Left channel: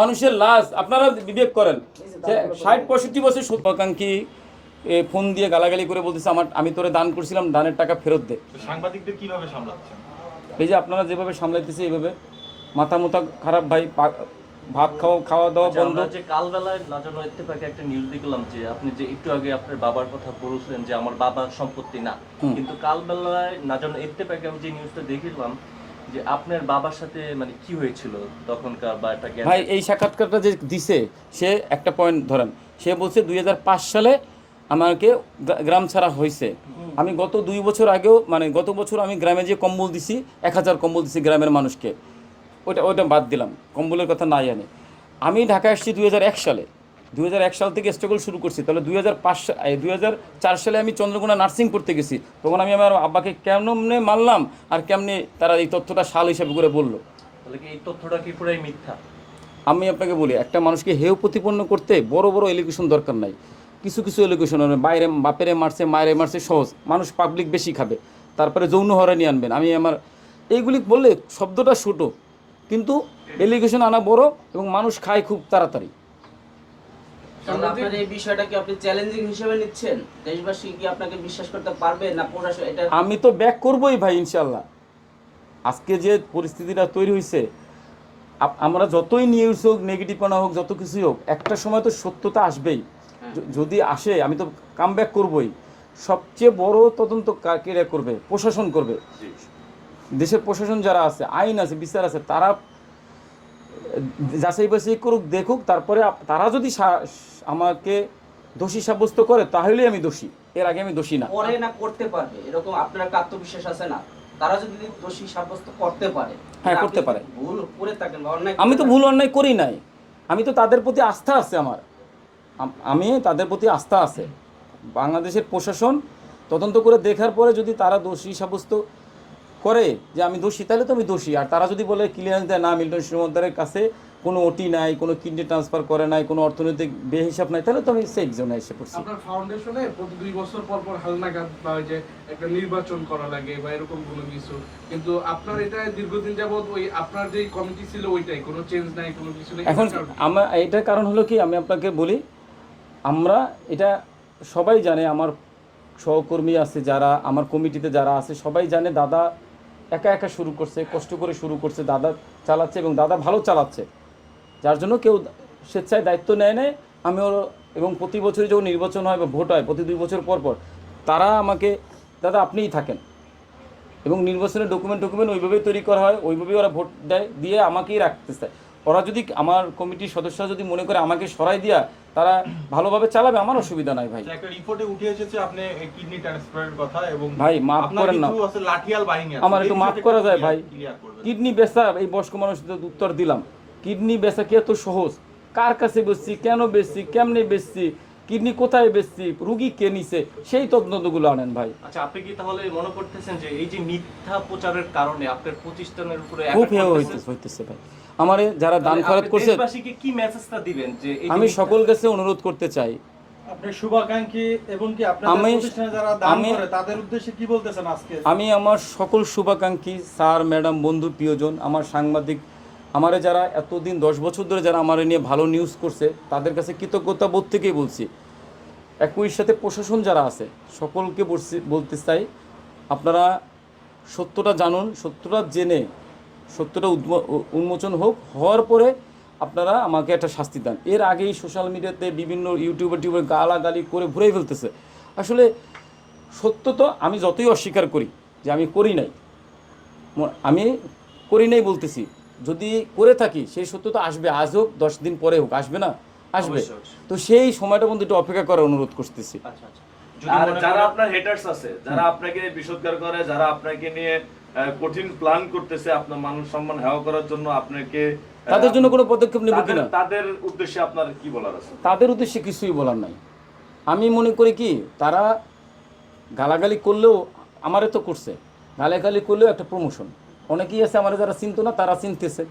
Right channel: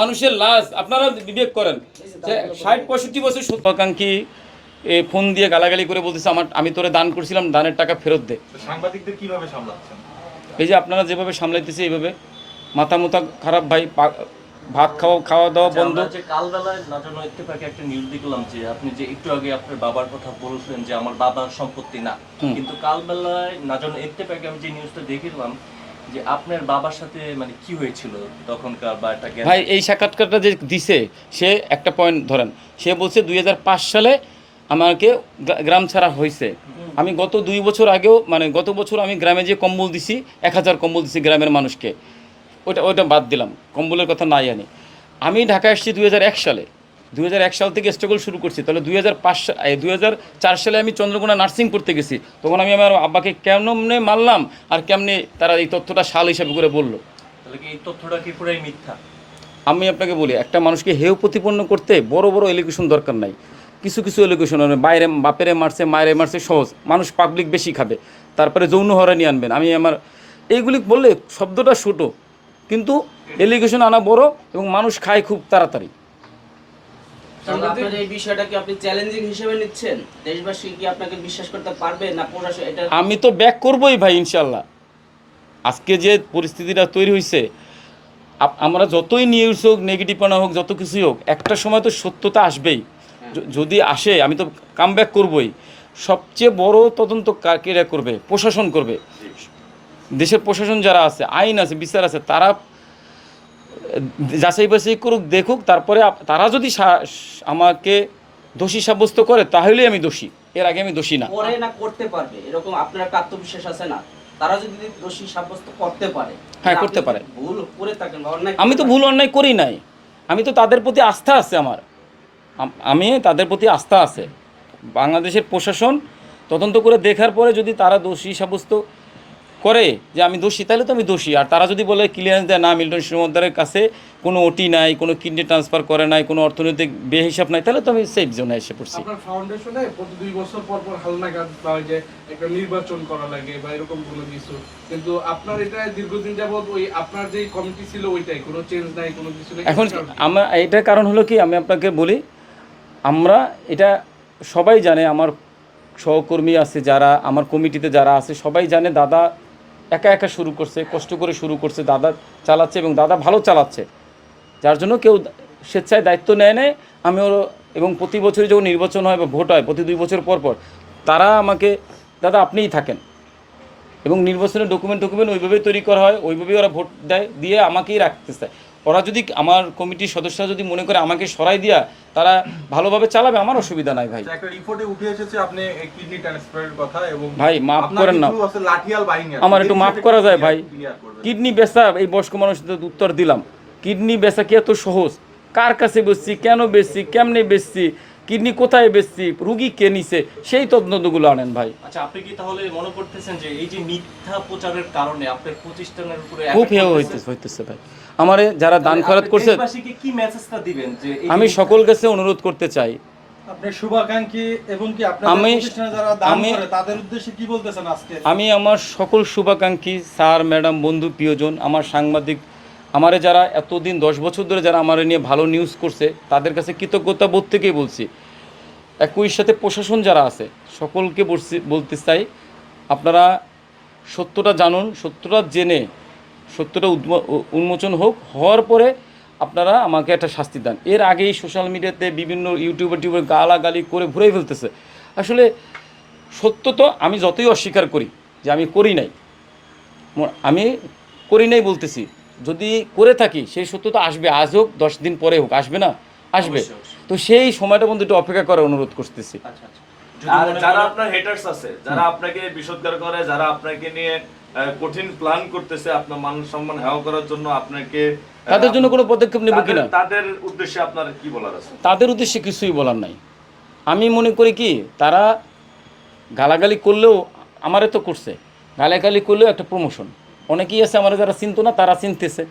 মানুষের লাশ আপনারা বিবেক করেন। যে ষাট পঁয়ষট্টি বছর ফোন দিয়ে গালাগালি করে বলতেছে আমার আমি তোরে দান করছিলাম দানের টাকা ফেরত দে। সাংবাদিকদের কীভাবে সামলাচ্ছেন? এই যে আপনারা যেভাবে সামলাইতেছে এইভাবে। মাথা মুথা খারাপ ভাই ভাত খাওয়া খাওয়া দাওয়া আচ্ছা, বন্ধ। কালবেলায় নাজন ইত্তেফাকে একটা নিউজ দেখলাম যে আপনি যে একটু আগে আপনার বাবার কথা বলছেন যে আমার বাবার সম্পত্তি না। কিন্তু কালবেলায় নাজন ইত্তেফাকে আমি যে নিউজটা দেখলাম যে আপনার বাবার সাথে মানে কি হয়েছিল তখনকার বা একটা ভাই এই সাক্ষাৎকারটা যে দিছে সে একটা পয়েন্ট ধরেন সে বলছে দুই হাজার পাঁচ সালে আমাকে গ্রাম ছাড়া হয়েছে। আমি গত দুই বছর আগেও মানে গত বছর আমি গ্রামে যে কম্বল দিছি এক হাজার কম্বল দিছি গ্রামের মানুষকে। ওটা ওটা বাদ দিলাম কম্বলের কথা নাই আনি। আমি ঢাকা এসেছি দুই হাজার এক সালে। দুই হাজার এক সাল থেকে স্ট্রাগল শুরু করছি। তাহলে দুই হাজার পাঁচ দুই সালে আমি চন্দ্রকোনা নার্সিং করতে গেছি। তখন আমি আমার আব্বাকে কেমনে মারলাম আর কেমনে তারা এই তথ্যটা সাল হিসাবে করে বলল। তাহলে কি এই তথ্যটা কি পুরাই মিথ্যা? আমি আপনাকে বলি একটা মানুষকে হেয় প্রতিপন্ন করতে বড় বড় এলিগেশন দরকার নাই। কিছু কিছু এলিগেশন বাইরে বাপেরে মারছে মায়েরে মারছে সহজ। মানুষ পাবলিক বেশি খাবে তারপরে যৌন হরানি আনবেন। আমি আমার এইগুলি বললে শব্দটা ছোটো কিন্তু এলিগেশন আনা বড় এবং মানুষ খায় খুব তাড়াতাড়ি। আপনার এই বিষয়টা কি আপনি চ্যালেঞ্জিং হিসেবে নিচ্ছেন? দেশবাসী কি আপনাকে বিশ্বাস করতে পারবে? না প্রশাসন এটা আমি তো ব্যাক করবই ভাই ইনশাল্লাহ আজকে যে পরিস্থিতিটা তৈরি হয়েছে আমরা যতই নিউজ হোক নেগেটিভপনা হোক যত কিছুই হোক একটা সময় তো সত্যতা আসবেই। যদি আসে আমি তো কাম ব্যাক করবই। সবচেয়ে বড় তদন্ত কা- করবে? প্রশাসন করবে। দেশের প্রশাসন যারা আছে আইন আছে বিচার আছে তারা যাচাই বাছাই করুক দেখুক তারপরে তারা যদি আমাকে দোষী সাব্যস্ত করে তাহলেই আমি দোষী। এর আগে আমি দোষী না। করে না করতে পারবে এরকম আপনার একটা আত্মবিশ্বাস আছে না? তারা যদি দোষী সাব্যস্ত করতে পারে হ্যাঁ, করতে পারে। ভুল করে থাকেন অন্যায় আমি তো ভুল অন্যায় করি নাই। আমি তো তাদের প্রতি আস্থা আছে আমার। আমি তাদের প্রতি আস্থা আছে। বাংলাদেশের প্রশাসন তদন্ত করে দেখার পরে যদি তারা দোষী সাব্যস্ত করে যে আমি দোষী তাহলে তো আমি দোষী। আর তারা যদি বলে ক্লিয়ারেন্স দেয় না মিল্টন শ্রীমদ্দারের কাছে কোনো ওটি নাই কোনো কিডনি ট্রান্সফার করে নাই কোনো অর্থনৈতিক বেহিসাব নাই তাহলে তো আমি সেফ জোনে এসে পড়ছি। আপনার ফাউন্ডেশনে প্রতি দুই বছর পর পর হালনাগাদ যে একটা নির্বাচন করা লাগে বা এরকম কোনো কিছু। কিন্তু আপনার এটা দীর্ঘদিন যাবত ওই আপনার যেই কমিটি ছিল ওইটাই কোনো চেঞ্জ নাই কোনো কিছু নেই। এখন আমরা এটার কারণ হলো কি আমি আপনাকে বলি আমরা এটা সবাই জানে আমার সহকর্মী আছে যারা আমার কমিটিতে যারা আছে সবাই জানে দাদা একা একা শুরু করছে, কষ্ট করে শুরু করছে, দাদা চালাচ্ছে এবং দাদা ভালো চালাচ্ছে। যার জন্য কেউ স্বেচ্ছায় দায়িত্ব নেয় নেয় আমি ওর, এবং প্রতি বছরই যখন নির্বাচন হয় বা ভোট হয়, প্রতি দুই বছর পর পর, তারা আমাকে, দাদা, আপনিই থাকেন। এবং নির্বাচনের ডকুমেন্ট ডকুমেন্ট ওইভাবেই তৈরি করা হয়, ওইভাবেই ওরা ভোট দেয়, দিয়ে আমাকেই রাখতে চায়। ওরা যদি আমার কমিটির সদস্যরা যদি মনে করে আমাকে সরাই দিয়া তারা ভালোভাবে চালাবে আমার অসুবিধা নাই ভাই। একটা রিপোর্টে উঠে এসেছে আপনি কিডনি ট্রান্সফারের কথা এবং ভাই, মাফ করেন না। লাঠিয়াল বাহিনী আমার একটু মাফ করা যায় ভাই। কিডনি বেচা এই বয়স্ক মানুষদের উত্তর দিলাম। কিডনি বেচা কি এত সহজ? কার কাছে বেচছি কেন বেচছি কেমনে বেচছি কিডনি কোথায় বেচছি রুগী কে নিছে সেই তদন্তগুলো আনেন ভাই। আচ্ছা আপনি কি তাহলে মনে করতেছেন যে এই যে মিথ্যা প্রচারের কারণে আপনার প্রতিষ্ঠানের উপরে খুব হইতেছে হইতেছে ভাই। আমারে যারা দান খরচ করছে আমি সকল কাছে অনুরোধ করতে চাই। আমি আমার সকল শুভাকাঙ্ক্ষী স্যার ম্যাডাম বন্ধু প্রিয়জন আমার সাংবাদিক আমারে যারা এতদিন দশ বছর ধরে যারা আমার নিয়ে ভালো নিউজ করছে তাদের কাছে কৃতজ্ঞতা বোধ থেকেই বলছি একই সাথে প্রশাসন যারা আছে সকলকে বলছি বলতে চাই আপনারা সত্যটা জানুন সত্যটা জেনে সত্যটা উন্মোচন হোক হওয়ার পরে আপনারা আমাকে একটা শাস্তি দেন। এর আগেই সোশ্যাল মিডিয়াতে বিভিন্ন ইউটিউবার টিউবার গালাগালি করে ভরে ফেলতেছে। আসলে সত্য তো আমি যতই অস্বীকার করি যে আমি করি নাই। আমি করি নাই বলতেছি। যদি করে থাকি সেই সত্য তো আসবে। আজ হোক দশ দিন পরে হোক আসবে না? আসবে। তো সেই সময়টা পর্যন্ত একটু অপেক্ষা করার অনুরোধ করতেছি। আচ্ছা আচ্ছা। আর যারা আপনার হেটার্স আছে যারা আপনাকে বিষোদ্গার করে যারা আপনাকে নিয়ে কঠিন প্ল্যান করতেছে আপনার মান সম্মান হেয় করার জন্য আপনাকে তাদের জন্য কোনো পদক্ষেপ নেব কিনা? তাদের উদ্দেশ্যে আপনার কি বলার আছে? তাদের উদ্দেশ্যে কিছুই বলার নাই। আমি মনে করি কি তারা গালাগালি করলেও আমারে তো করছে। গালাগালি করলেও একটা প্রমোশন অনেকেই আছে আমার যারা চিনতো না তারা চিনতেছে।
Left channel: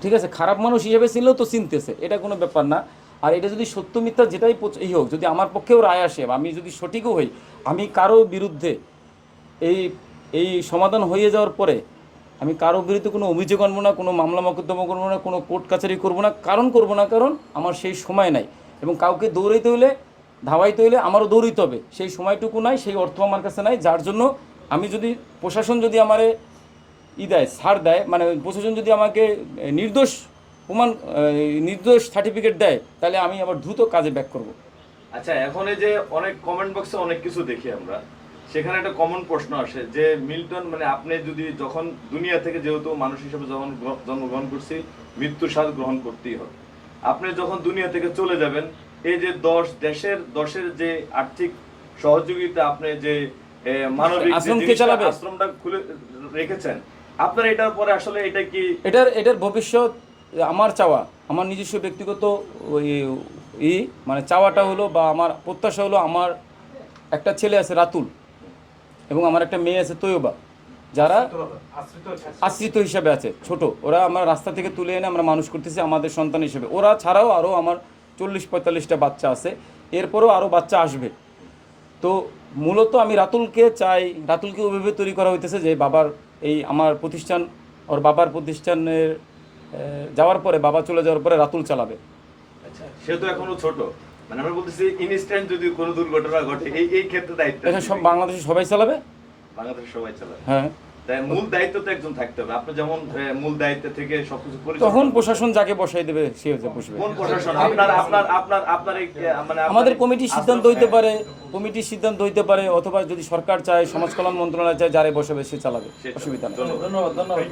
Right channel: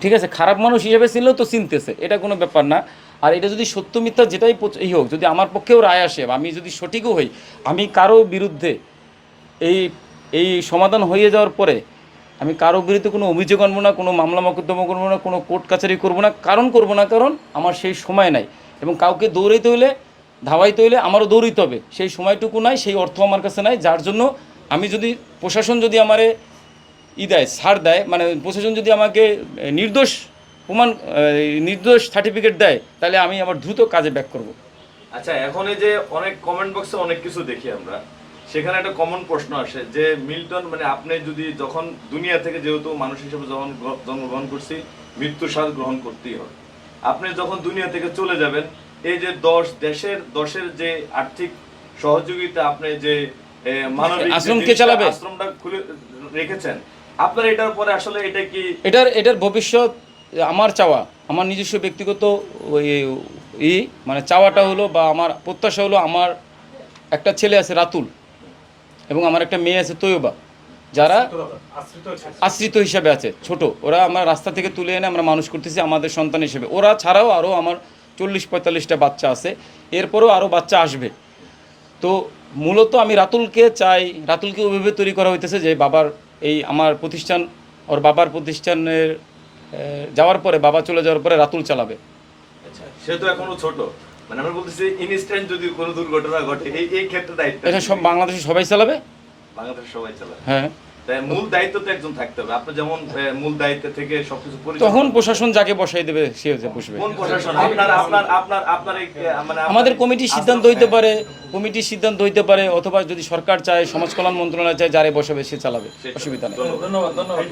ঠিক আছে খারাপ মানুষ হিসেবে ছিলেও তো চিনতেছে। এটা কোনো ব্যাপার না। আর এটা যদি সত্য মিথ্যা যেটাই এই হোক যদি আমার পক্ষেও রায় আসে আমি যদি সঠিকও হই আমি কারও বিরুদ্ধে এই এই সমাধান হয়ে যাওয়ার পরে আমি কারও বিরুদ্ধে কোনো অভিযোগ আনব না, কোনো মামলা মকদ্দমা করব না, কোনো কোর্ট কাছারি করব না, কারণ করব না, কারণ আমার সেই সময় নাই। এবং কাউকে দৌড়াইতে হলে ধাওয়াইতে হলে আমারও দৌড়িতে হবে। সেই সময়টুকু নাই, সেই অর্থ আমার কাছে নাই, যার জন্য আমি যদি, প্রশাসন যদি আমারে ই দেয়, ছাড় দেয় মানে প্রশাসন যদি আমাকে নির্দোষ প্রমাণ নির্দোষ সার্টিফিকেট দেয়, তাহলে আমি আবার দ্রুত কাজে ব্যাক করব। আচ্ছা এখন এই যে অনেক কমেন্ট বক্সে অনেক কিছু দেখি আমরা। সেখানে একটা কমন প্রশ্ন আসে যে মিল্টন মানে আপনি যদি যখন দুনিয়া থেকে যেহেতু মানুষ হিসেবে যখন জন্মগ্রহণ করছি মৃত্যু স্বাদ গ্রহণ করতেই হবে। আপনি যখন দুনিয়া থেকে চলে যাবেন এই যে দশ দেশের দশের যে আর্থিক সহযোগিতা আপনি যে মানবিক যে আশ্রম চালাবে? আশ্রমটা খুলে রেখেছেন আপনার এটার পরে আসলে এটা কি? এটার এটার ভবিষ্যৎ আমার চাওয়া আমার নিজস্ব ব্যক্তিগত ওই ই মানে চাওয়াটা হলো বা আমার প্রত্যাশা হলো আমার একটা ছেলে আছে রাতুল। এবং আমার একটা মেয়ে আছে তৈবা যারা আশ্রিত হিসাবে আছে, ছোট। ওরা আমরা রাস্তা থেকে তুলে এনে আমরা মানুষ করতেছি আমাদের সন্তান হিসেবে। ওরা ছাড়াও আরও আমার চল্লিশ পঁয়তাল্লিশটা বাচ্চা আছে, এরপরও আরও বাচ্চা আসবে। তো মূলত আমি রাতুলকে চাই, রাতুলকে ওইভাবে তৈরি করা হইতেছে যে বাবার এই আমার প্রতিষ্ঠান, ওর বাবার প্রতিষ্ঠানের যাওয়ার পরে, বাবা চলে যাওয়ার পরে রাতুল চালাবে। আচ্ছা সে তো এখনও ছোট। মানে আমরা বলতেছি ইনস্ট্যান্ট যদি কোনো দুর্ঘটনা ঘটে এই এই ক্ষেত্রে দায়িত্ব এটা সব বাংলাদেশে সবাই চালাবে? বাংলাদেশ সবাই চালায় হ্যাঁ। তাই মূল দায়িত্ব তো একজন থাকতে হবে। আপনি যেমন মূল দায়িত্ব থেকে সবকিছু পরিচালনা তখন প্রশাসন যাকে বসাই দেবে সে হচ্ছে বসবে। কোন প্রশাসন? আপনার আপনার আপনার আপনার মানে আমাদের এই কমিটির সিদ্ধান্ত হইতে পারে কমিটির সিদ্ধান্ত হইতে পারে অথবা যদি সরকার চায় সমাজ কল্যাণ মন্ত্রণালয় চায় যারে বসাবে সে চালাবে। অসুবিধা নেই। ধন্যবাদ। ধন্যবাদ।